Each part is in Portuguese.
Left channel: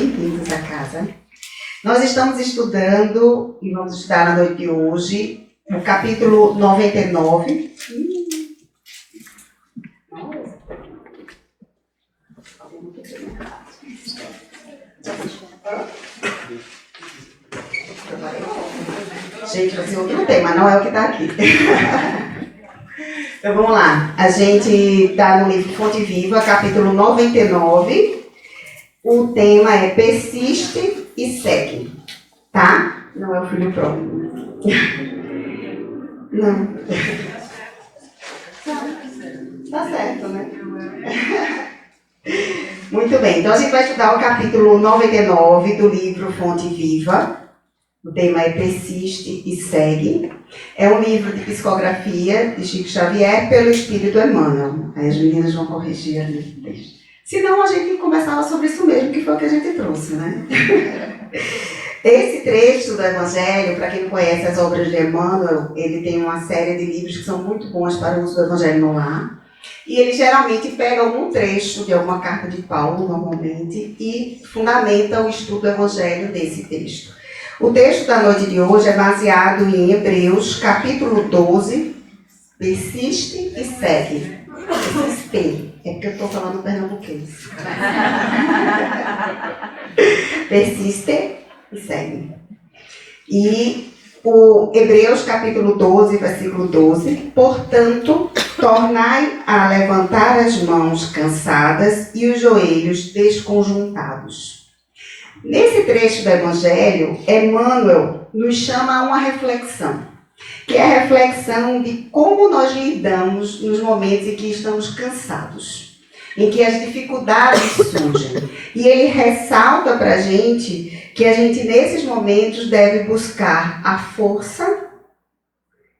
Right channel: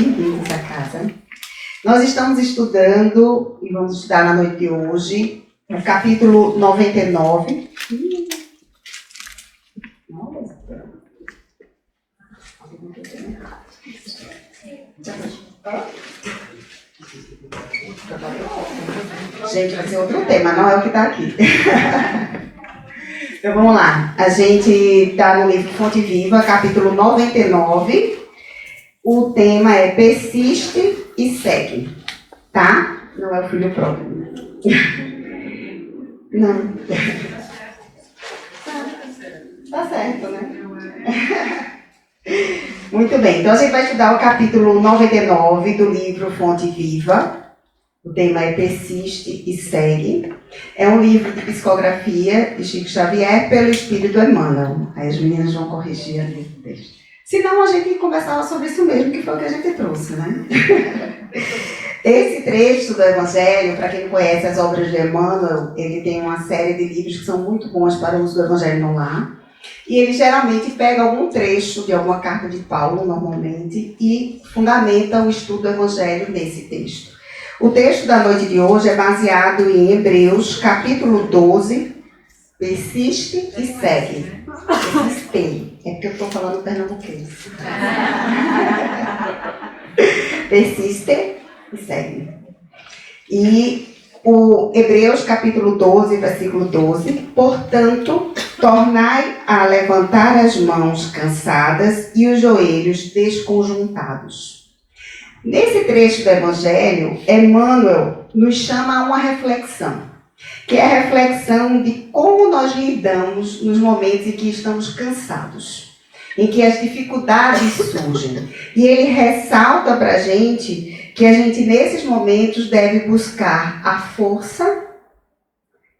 bem-vindos à casa. Nós estamos estudando, e vamos estudar na noite de hoje, o capítulo 99. Gente, vai ser outro tema, não é o que está aqui. Então vamos lá. A gente está no livro Fonte Viva, capítulo 99. O tema é persiste e segue. Tá? Não é o filho próprio. Não. Tá certo, né? Muito bem. Então a gente vai estudar o capítulo 99 do livro Fonte Viva. O tema é Persiste e Segue. É um livro de psicografia de Chico Xavier pelo Espírito Emmanuel. Aí as meninas vão corrigir ali o texto. Senão a gente conversava sobre isso mesmo, que foi o que a gente trouxe, né? Esse trecho do Evangelho, para quem não conhece as obras de Emmanuel, ele tem uma série de livros que são muito bons para o uso do Evangelho no lar. E ele geralmente pega algum trecho de alguma carta de Paulo, normalmente, e fundamenta o estudo do Evangelho nesse texto. O texto da noite de hoje é baseado em Hebreus, capítulo 12, persiste e segue. Persiste. É porque eu estou falando pernambuquês. Persiste e segue. E o Hebreus, capítulo 12, versículo 12. Portanto, tornai a levantar as mãos cansadas e os joelhos desconjuntados. Nesse trecho do Evangelho, Emmanuel nos chama a uma reflexão, que é a reflexão de como nós lidamos nos momentos em que estamos cansados, em que as dificuldades surgem. E ele ressalta para a gente que a gente, nesses momentos, deve buscar a força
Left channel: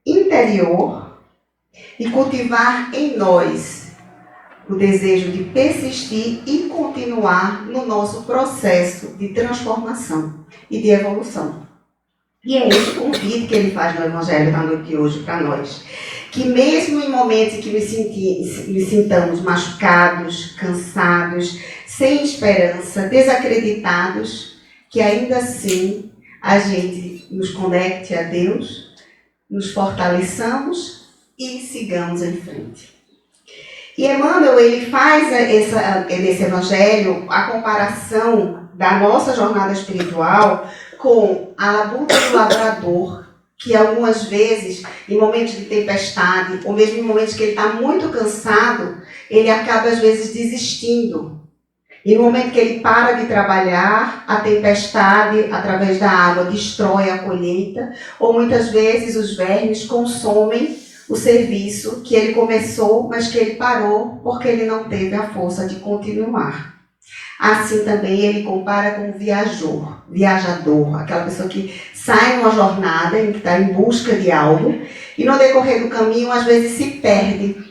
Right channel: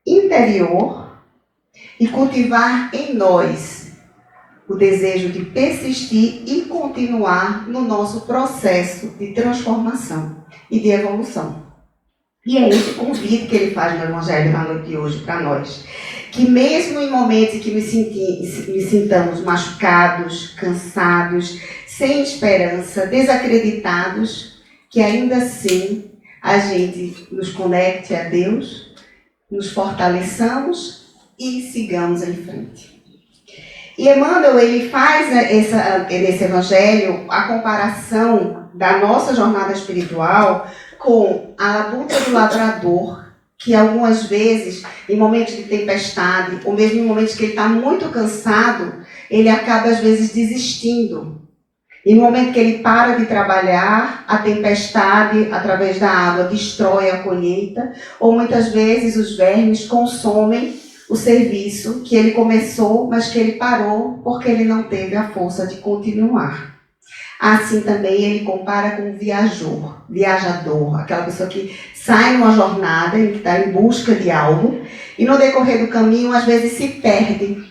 interior e cultivar em nós o desejo de persistir e continuar no nosso processo de transformação e de evolução. E é esse o convite que ele faz no Evangelho da noite de hoje para nós. Que mesmo em momentos em que nos sintamos machucados, cansados, sem esperança, desacreditados, que ainda assim a gente nos conecte a Deus, nos fortaleçamos e sigamos em frente. E Emmanuel, ele faz nesse Evangelho a comparação da nossa jornada espiritual com a labuta do lavrador, que algumas vezes, em momentos de tempestade, ou mesmo em momentos que ele está muito cansado, ele acaba às vezes desistindo. E no momento que ele para de trabalhar, a tempestade, através da água, destrói a colheita, ou muitas vezes os vermes consomem o serviço que ele começou, mas que ele parou porque ele não teve a força de continuar. Assim também ele compara com o viajador, aquela pessoa que sai numa jornada, que está em busca de algo, e no decorrer do caminho às vezes se perde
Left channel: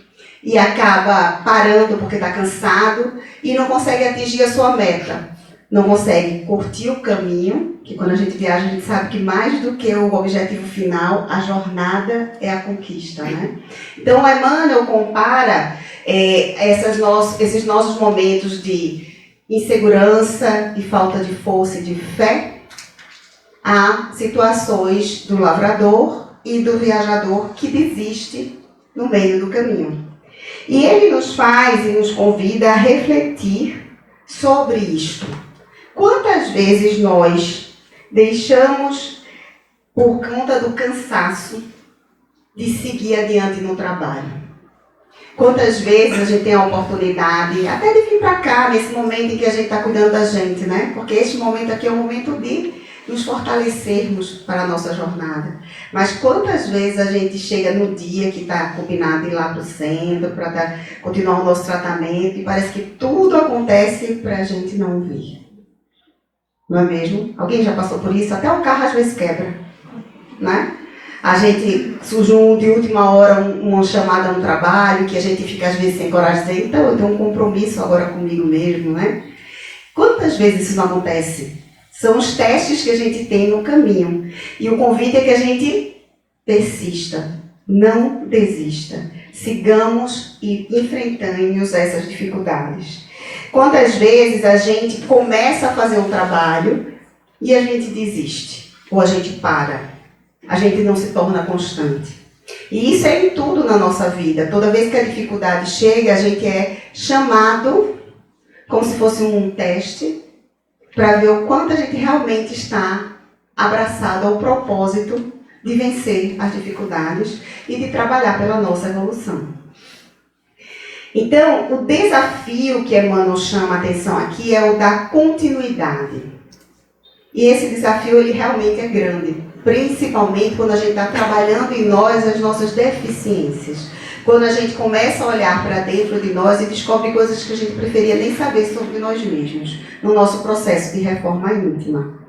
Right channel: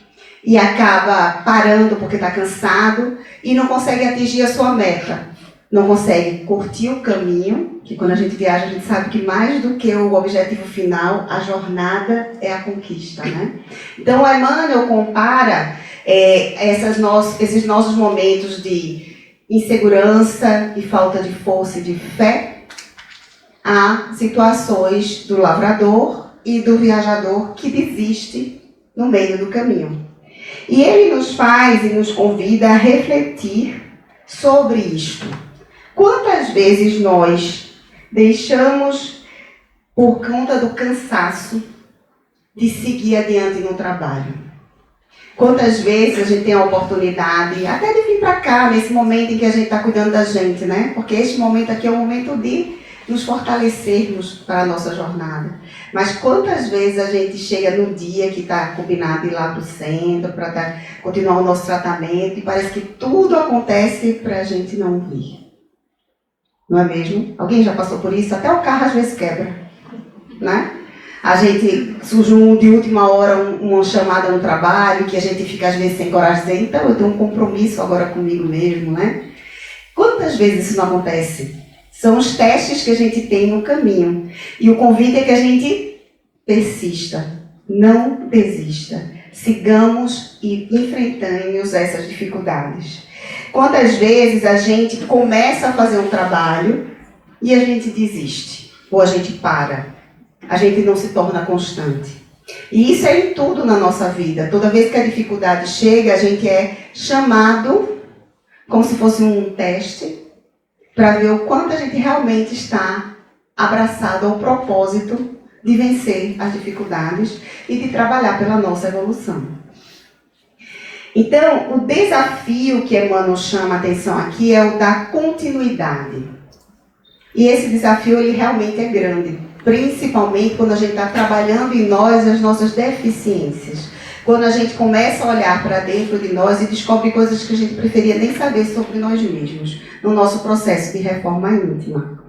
e acaba parando porque está cansado e não consegue atingir a sua meta. Não consegue curtir o caminho, que quando a gente viaja a gente sabe que mais do que o objetivo final, a jornada é a conquista, né? Então o Emmanuel compara esses nossos momentos de insegurança e falta de força e de fé a situações do lavrador e do viajador que desiste no meio do caminho. E ele nos faz e nos convida a refletir sobre isto. Quantas vezes nós deixamos, por conta do cansaço, de seguir adiante no trabalho? Quantas vezes a gente tem a oportunidade até de vir para cá, nesse momento em que a gente está cuidando da gente, né? Porque este momento aqui é o momento de nos fortalecermos para a nossa jornada. Mas quantas vezes a gente chega no dia que está combinado ir lá para o centro, para continuar o nosso tratamento, e parece que tudo acontece para a gente não vir. Não é mesmo? Alguém já passou por isso? Até o carro às vezes quebra, né? A gente surge de última hora uma chamada no trabalho, que a gente fica às vezes sem coragem de dizer, então eu tenho um compromisso agora comigo mesmo, né? Quantas vezes isso não acontece? São os testes que a gente tem no caminho. E o convite é que a gente persista, não desista. Sigamos e enfrentemos essas dificuldades. Quantas vezes a gente começa a fazer um trabalho e a gente desiste, ou a gente para, a gente não se torna constante. E isso é em tudo na nossa vida. Toda vez que a dificuldade chega, a gente é chamado, como se fosse um teste, para ver o quanto a gente realmente está abraçado ao propósito de vencer as dificuldades e de trabalhar pela nossa evolução. Então, o desafio que Emmanuel chama a atenção aqui é o da continuidade. E esse desafio, ele realmente é grande, principalmente quando a gente está trabalhando em nós as nossas deficiências. Quando a gente começa a olhar para dentro de nós e descobre coisas que a gente preferia nem saber sobre nós mesmos, no nosso processo de reforma íntima.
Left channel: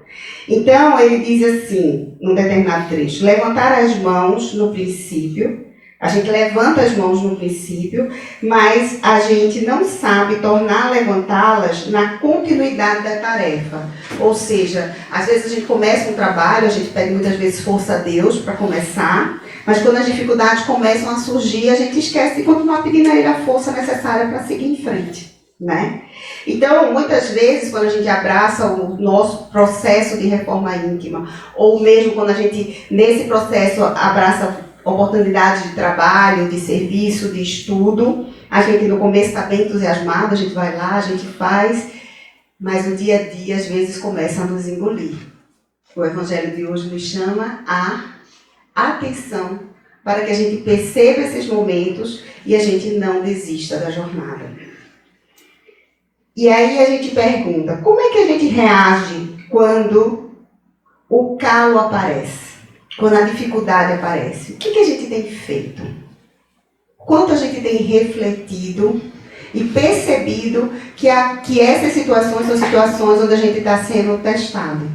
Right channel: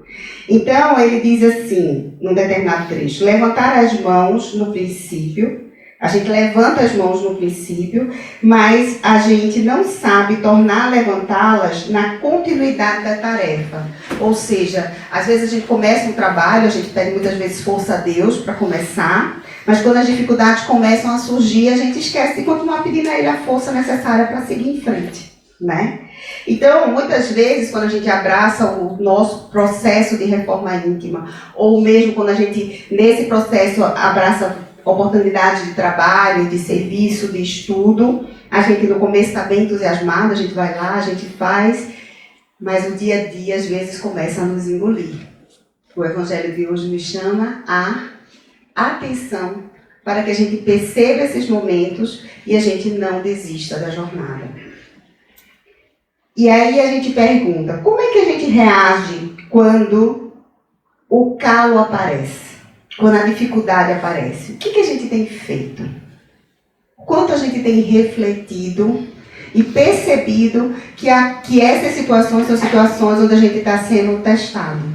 Então, ele diz assim, num determinado trecho: levantar as mãos no princípio, a gente levanta as mãos no princípio, mas a gente não sabe tornar a levantá-las na continuidade da tarefa. Ou seja, às vezes a gente começa um trabalho, a gente pede muitas vezes força a Deus para começar, mas quando as dificuldades começam a surgir, a gente esquece de continuar pedindo a Ele a força necessária para seguir em frente, né? Então, muitas vezes, quando a gente abraça o nosso processo de reforma íntima, ou mesmo quando a gente, nesse processo, abraça oportunidades de trabalho, de serviço, de estudo, a gente no começo está bem entusiasmado, a gente vai lá, a gente faz, mas o dia a dia às vezes começa a nos engolir. O Evangelho de hoje nos chama a atenção para que a gente perceba esses momentos e a gente não desista da jornada. E aí a gente pergunta, como é que a gente reage quando o calo aparece? Quando a dificuldade aparece? O que a gente tem feito? Quanto a gente tem refletido e percebido que essas situações são situações onde a gente está sendo testado?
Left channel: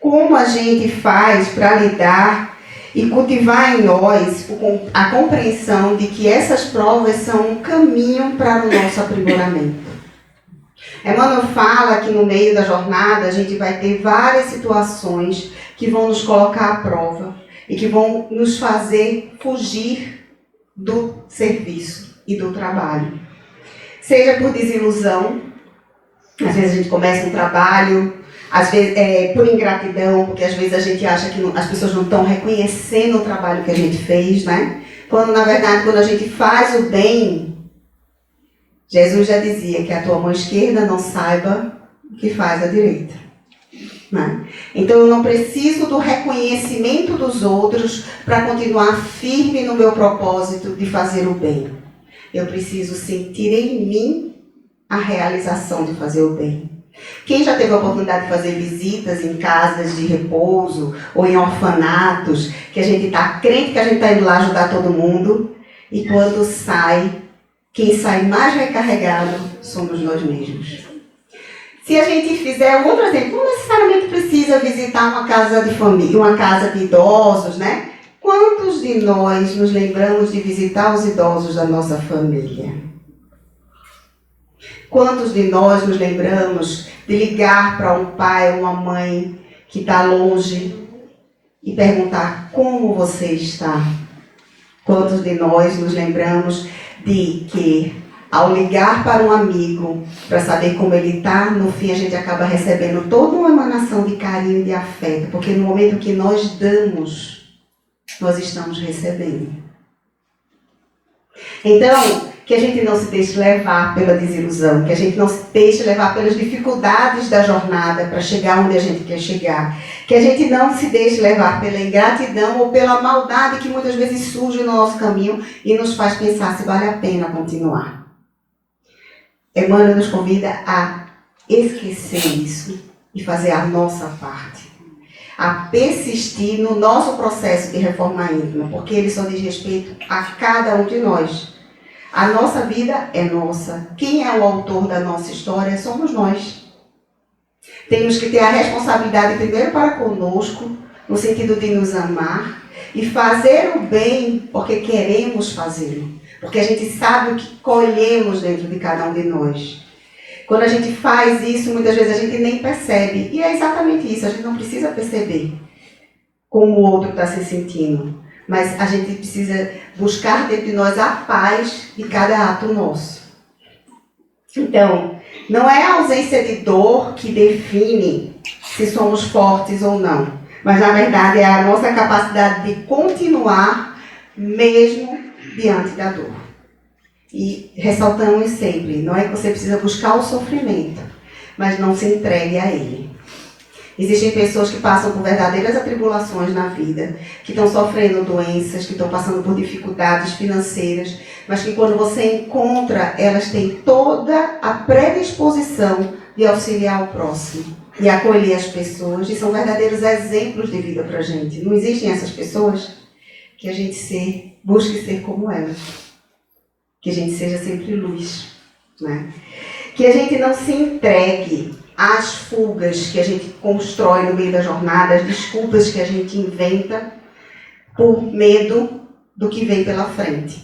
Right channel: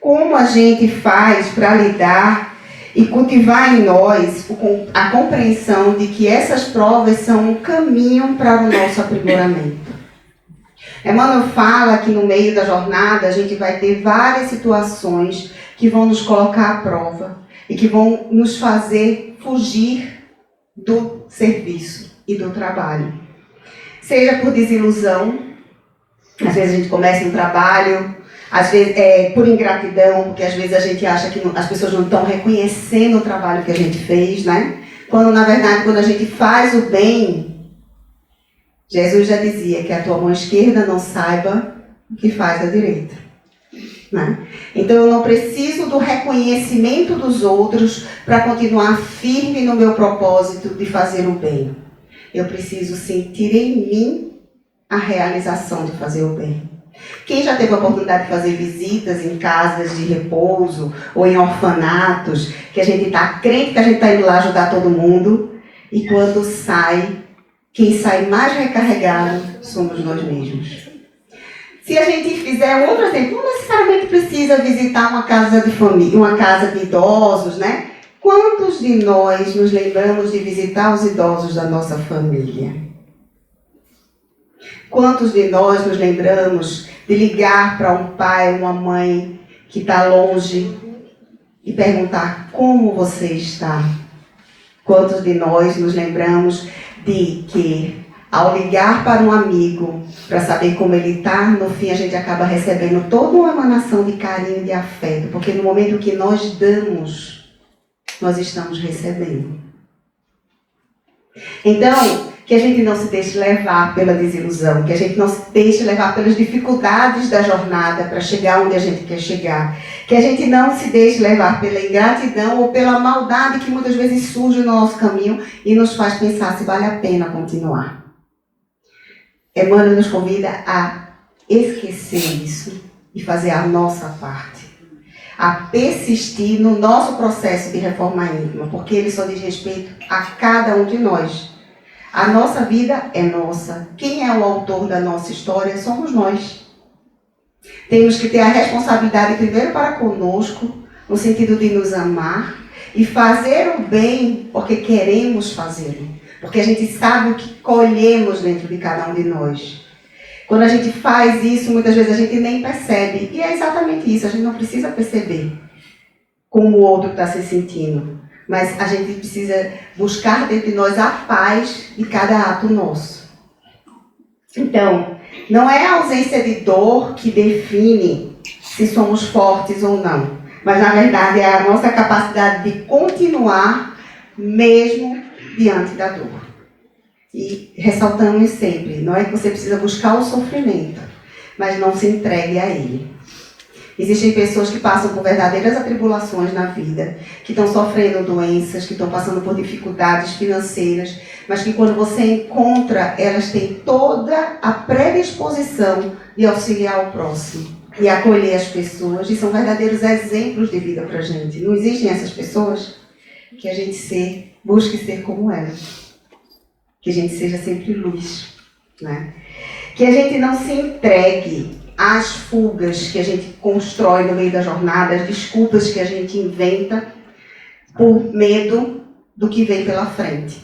Como a gente faz para lidar e cultivar em nós a compreensão de que essas provas são um caminho para o nosso aprimoramento? Emmanuel fala que no meio da jornada a gente vai ter várias situações que vão nos colocar à prova e que vão nos fazer fugir do serviço e do trabalho. Seja por desilusão, às vezes a gente começa um trabalho, às vezes por ingratidão, porque às vezes a gente acha que as pessoas não estão reconhecendo o trabalho que a gente fez, né? Quando na verdade, quando a gente faz o bem, Jesus já dizia que a tua mão esquerda não saiba o que faz a direita. Né? Então eu não preciso do reconhecimento dos outros para continuar firme no meu propósito de fazer o bem. Eu preciso sentir em mim a realização de fazer o bem. Quem já teve a oportunidade de fazer visitas em casas de repouso ou em orfanatos, que a gente está crente que a gente está indo lá ajudar todo mundo, e quando sai, quem sai mais recarregado somos nós mesmos. Se a gente fizer outro exemplo, não necessariamente precisa visitar uma casa de família, uma casa de idosos, né? Quantos de nós nos lembramos de visitar os idosos da nossa família? Quantos de nós nos lembramos de ligar para um pai ou uma mãe que está longe e perguntar como você está? Quantos de nós nos lembramos de que, ao ligar para um amigo para saber como ele está, no fim a gente acaba recebendo toda uma emanação de carinho e de afeto, porque no momento que nós damos, nós estamos recebendo. Então, que a gente não se deixe levar pela desilusão, que a gente não se deixe levar pelas dificuldades da jornada para chegar onde a gente quer chegar, que a gente não se deixe levar pela ingratidão ou pela maldade que muitas vezes surge no nosso caminho e nos faz pensar se vale a pena continuar. Emmanuel nos convida a esquecer isso e fazer a nossa parte, a persistir no nosso processo de reforma íntima, porque ele só diz respeito a cada um de nós. A nossa vida é nossa. Quem é o autor da nossa história somos nós. Temos que ter a responsabilidade primeiro para conosco, no sentido de nos amar e fazer o bem porque queremos fazê-lo. Porque a gente sabe o que colhemos dentro de cada um de nós. Quando a gente faz isso, muitas vezes a gente nem percebe. E é exatamente isso, a gente não precisa perceber como o outro está se sentindo. Mas a gente precisa buscar dentro de nós a paz de cada ato nosso. Então, não é a ausência de dor que define se somos fortes ou não, mas na verdade é a nossa capacidade de continuar mesmo diante da dor. E ressaltamos sempre, não é que você precisa buscar o sofrimento, mas não se entregue a ele. Existem pessoas que passam por verdadeiras atribulações na vida, que estão sofrendo doenças, que estão passando por dificuldades financeiras, mas que quando você encontra, elas têm toda a predisposição de auxiliar o próximo e acolher as pessoas, e são verdadeiros exemplos de vida para a gente. Não existem essas pessoas? Que a gente busque ser como elas. Que a gente seja sempre luz, né? Que a gente não se entregue às fugas que a gente constrói no meio da jornada, as desculpas que a gente inventa por medo do que vem pela frente.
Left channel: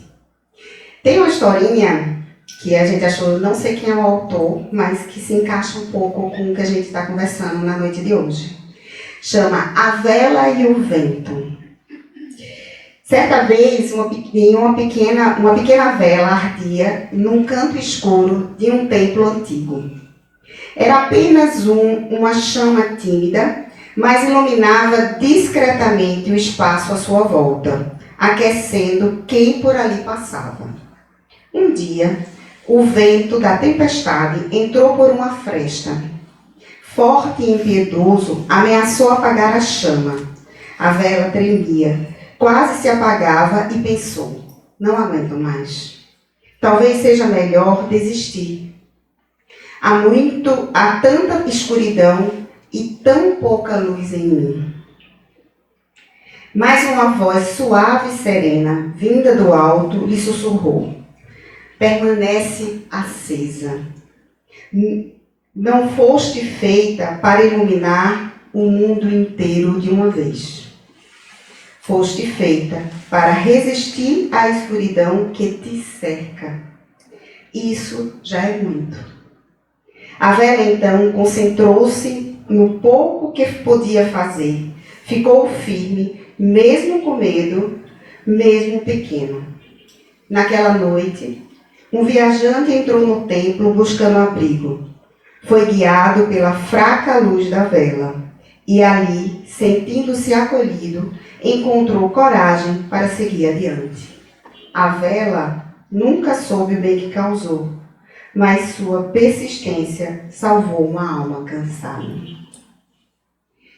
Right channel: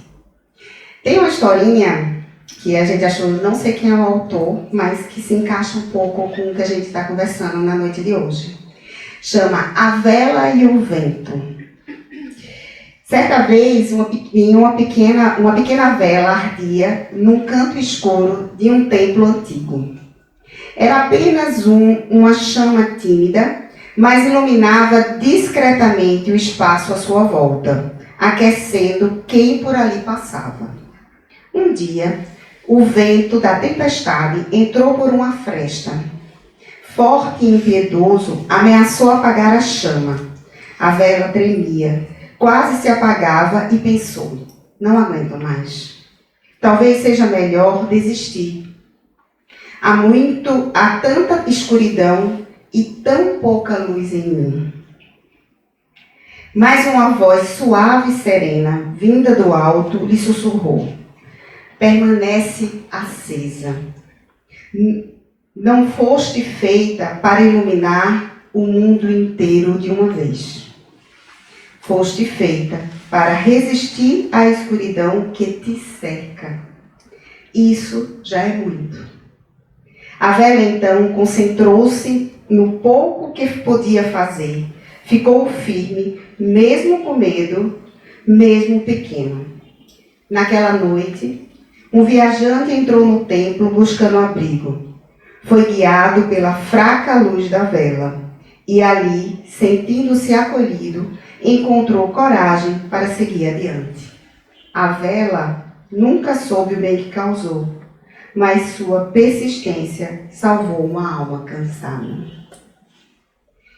Tem uma historinha que a gente achou, não sei quem é o autor, mas que se encaixa um pouco com o que a gente está conversando na noite de hoje. Chama A Vela e o Vento. Certa vez, uma pequena vela ardia num canto escuro de um templo antigo. Era apenas uma chama tímida, mas iluminava discretamente o espaço à sua volta, aquecendo quem por ali passava. Um dia, o vento da tempestade entrou por uma fresta. Forte e impiedoso, ameaçou apagar a chama. A vela tremia. Quase se apagava e pensou, não aguento mais. Talvez seja melhor desistir. Há tanta escuridão e tão pouca luz em mim. Mas uma voz suave e serena, vinda do alto, lhe sussurrou. Permanece acesa. Não foste feita para iluminar o mundo inteiro de uma vez. Foste feita para resistir à escuridão que te cerca. Isso já é muito. A vela, então, concentrou-se no pouco que podia fazer. Ficou firme, mesmo com medo, mesmo pequeno. Naquela noite, um viajante entrou no templo buscando abrigo. Foi guiado pela fraca luz da vela. E ali, sentindo-se acolhido, encontrou coragem para seguir adiante. A vela nunca soube o bem que causou, mas sua persistência salvou uma alma cansada.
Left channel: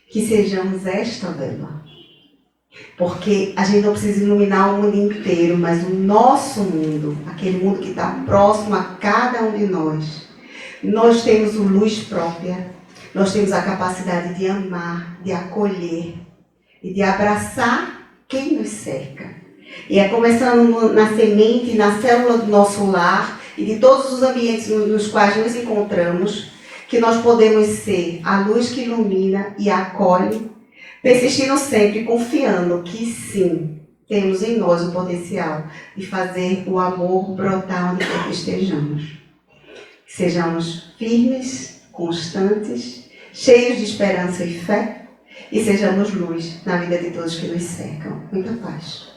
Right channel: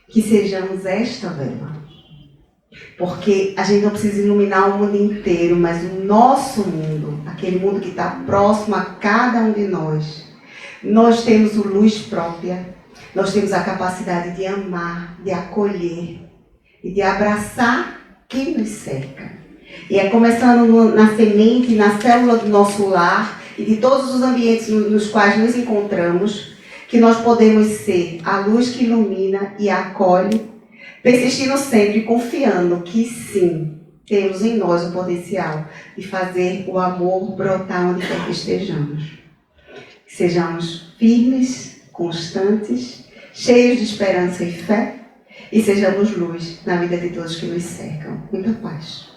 Que sejamos esta vela. Porque a gente não precisa iluminar o mundo inteiro, mas o nosso mundo, aquele mundo que está próximo a cada um de nós. Nós temos luz própria, nós temos a capacidade de amar, de acolher e de abraçar quem nos cerca. E é começando na semente, na célula do nosso lar e de todos os ambientes nos quais nos encontramos, que nós podemos ser a luz que ilumina e acolhe, persistindo sempre, confiando que sim, temos em nós o potencial de fazer o amor brotar onde quer que estejamos. Que sejamos firmes, constantes, cheios de esperança e fé, e sejamos luz na vida de todos que nos cercam. Muita paz.